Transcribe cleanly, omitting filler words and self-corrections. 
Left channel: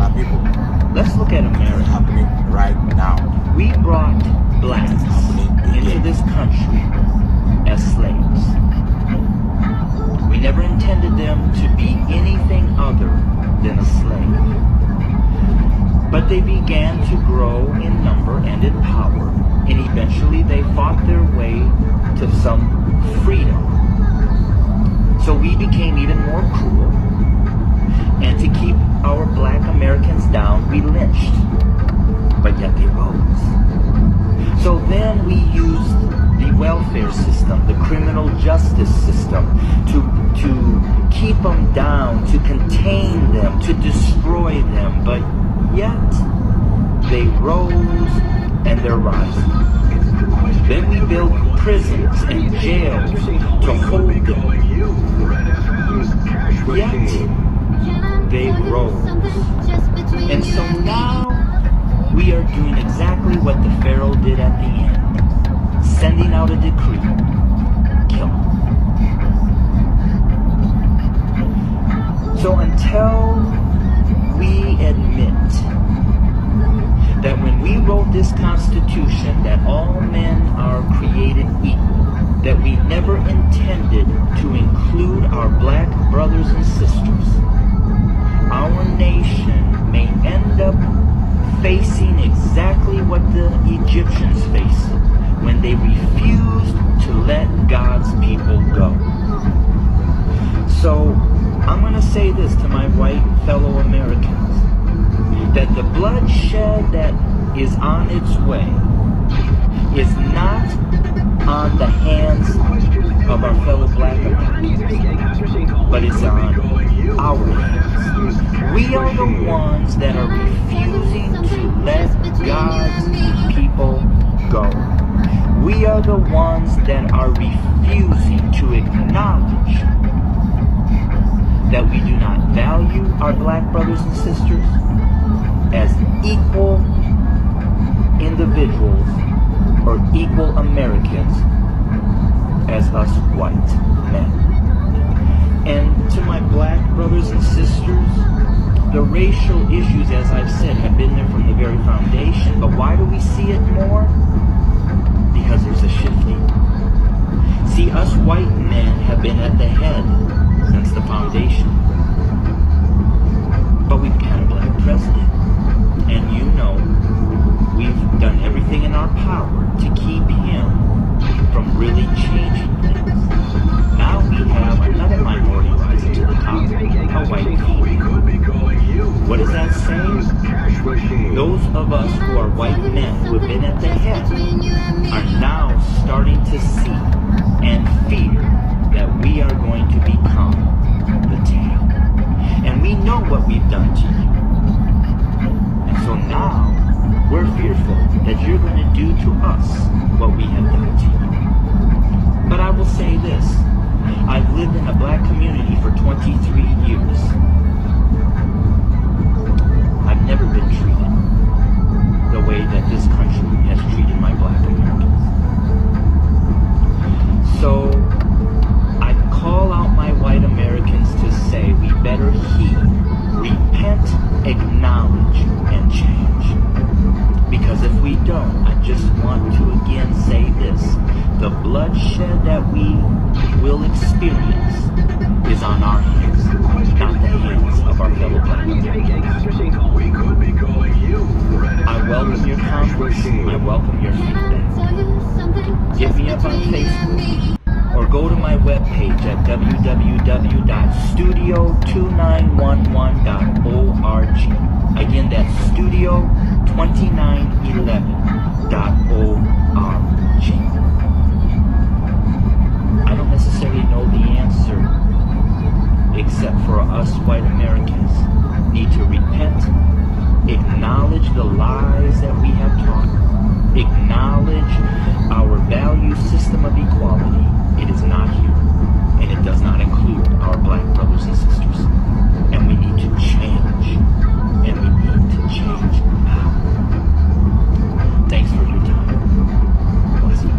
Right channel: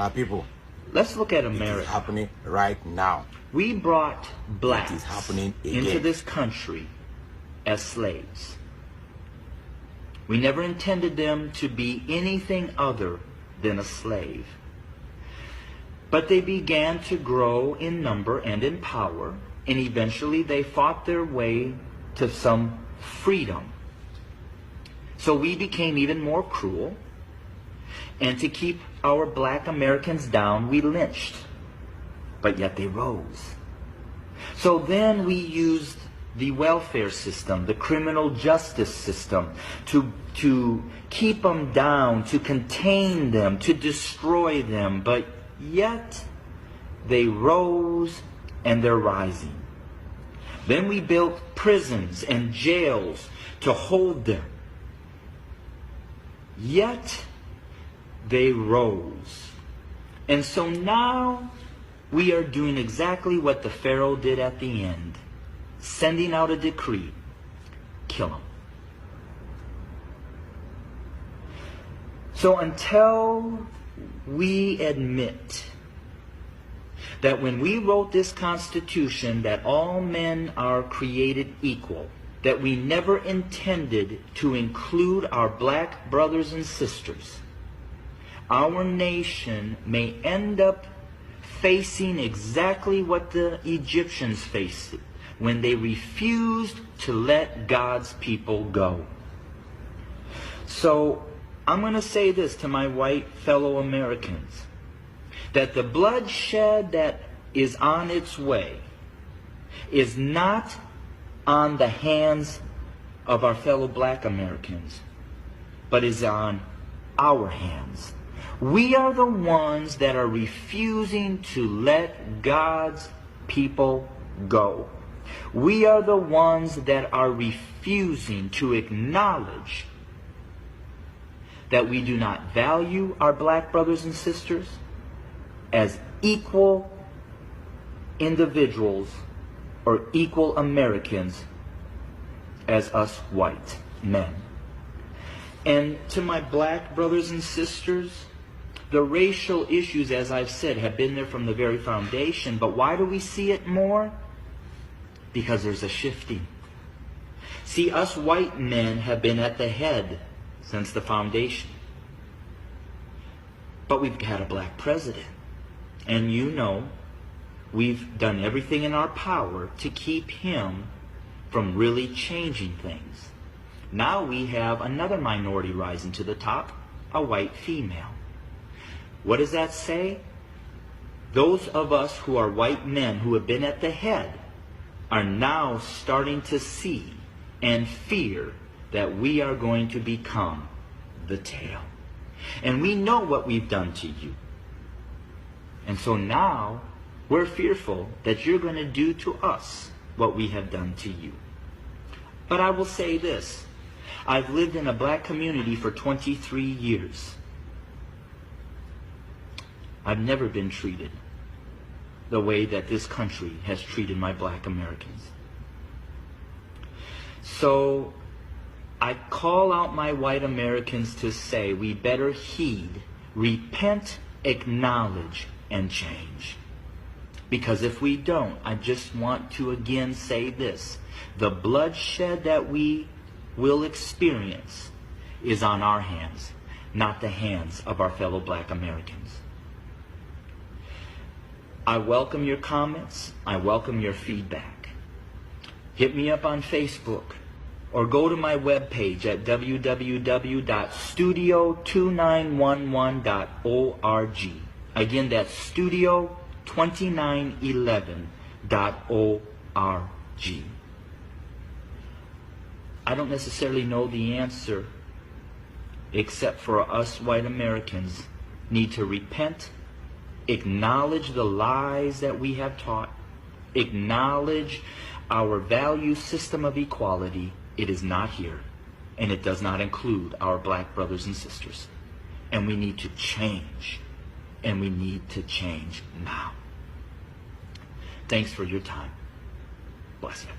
My people, Let's look at it's America. happening right now. We brought blacks It's happening into again. this country as slaves. We never intended them to be anything other than a slave. But they began to grow in number and in power, and eventually they fought their way to some freedom. So we became even more cruel, and to keep our black Americans down, we lynched. But yet they rose. So then we used the welfare system, the criminal justice system, to keep them down, to contain them, to destroy them. But yet they rose, and they're rising. Then we built prisons and jails to hold them. Yet they rose. And so now we are doing exactly what the Pharaoh did at the end, sending out a decree: kill them. So until we admit that when we wrote this Constitution that all men are created equal, that we never intended to include our black brothers and sisters, our nation may end up facing exactly what the Egyptians faced when they refused to let God's people go. So I'm going to say this to my white fellow Americans, that the bloodshed that is on its way is not on the hands of our fellow black Americans, but is on our hands. We are the ones that are refusing to let God's people go. We are the ones that are refusing to acknowledge that we do not value our black brothers and sisters as equal individuals or equal Americans as us white men. And to my black brothers and sisters, the racial issues, as I've said, have been there from the very foundation. But why do we see it more? Because there's a shifting. See, us white men have been at the head since the foundation. But we've had a black president. And you know, we've done everything in our power to keep him from really changing things. Now we have another minority rising to the top, a white female. What does that say? Those of us who are white men who have been at the head are now starting to see and fear that we are going to become the tail. And we know what we've done to you. And so now we're fearful that you're going to do to us what we have done to you. But I will say this. I've lived in a black community for 23 years. I've never been treated the way that this country has treated my black Americans. So I call out my white Americans to say we better heed, repent, acknowledge, and change. Because if we don't, I just want to again say this: the bloodshed that we will experience is on our hands, not the hands of our fellow black Americans. I welcome your comments. I welcome your feedback. Hit me up on Facebook or go to my webpage at www.studio2911.org. Again, that's studio2911.org. I don't necessarily know the answer, except for us white Americans need to repent, acknowledge the lies that we have taught, acknowledge our value system of equality. It is not here, and it does not include our black brothers and sisters. And we need to change, and we need to change now. Thanks for your time. Bless you.